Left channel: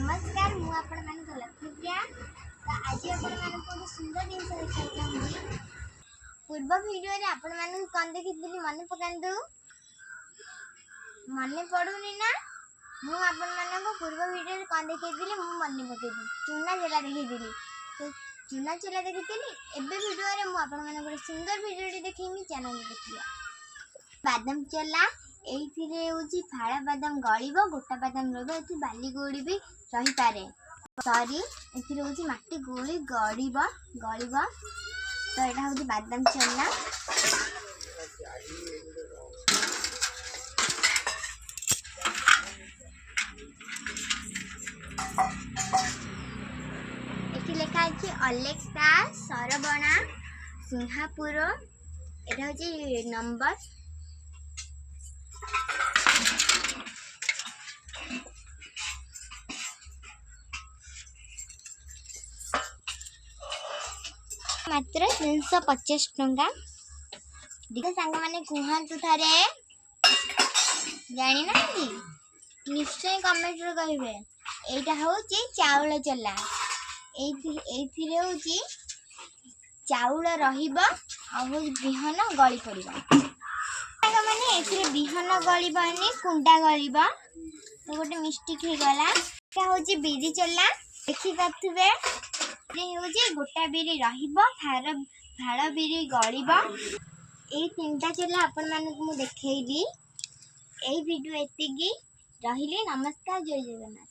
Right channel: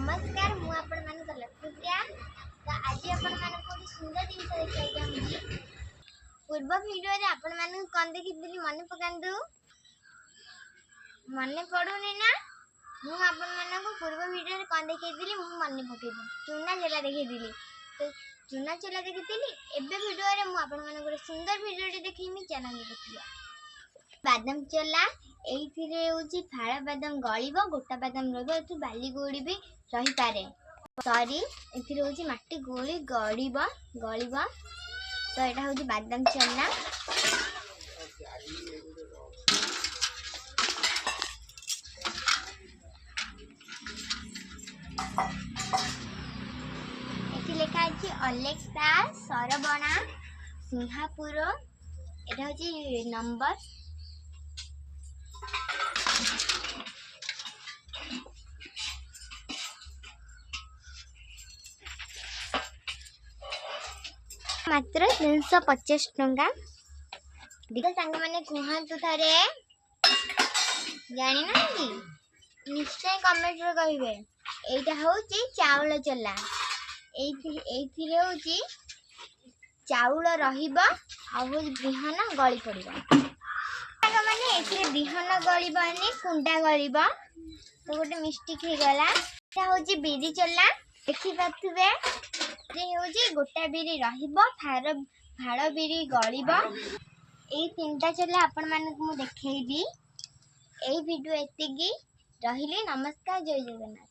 नमस्कार मु आपण मानक लक्ष्मीप्रिया। तो आज आपण मानक गोटे सुंदर जिन देखा चाहिए। पूर्व वीडियो रे आपण मानक कौन देखी मन पकांदु मन पड़ूनी ना। मु आपण मानक पूर्व वीडियो रे कौन देखी मु मन पकेदी चूना चला देखी। तो चूना चला देखी एबे वीडियो रे मु आपण मानक गोटे सुंदर वीडियो रे देखीमी चैनल देखिया। बादाम चला एइथिरे होची फाड़ा बादाम गळिबो गोटा बादाम रहबो एथि बाली गोड़ी भी रही पारे। सॉरी एथिरे होची माटी गोली गळिबो तो एटा होची बादाम चना। एथि लेखा अछि अलेक्सा सरबणा सिंहापुर एटा होची नंबर। मात्र 350 टंका। देखो सांग माने कहतु थारे जानी ना कि निश्चय कमेंट रे कहिबे। एटा होची चाउल चला एथिरे होची चाउल रहिबो आ बिहन गळी पड़िबो। सांग माने एथिरे बिहन गळिबनी कुंडा गळिबो तो गोटे मिस्टेक हे गला। एटा होची बिरी चला देखि पाथुबे गोटा बिरी रहिबो फाड़ बिरी गळिबो। ए तीनटा चला आपण मानक मु देखैली। ए वीडियो एतिगी रहिले। नमस्कार जय जगन्नाथ।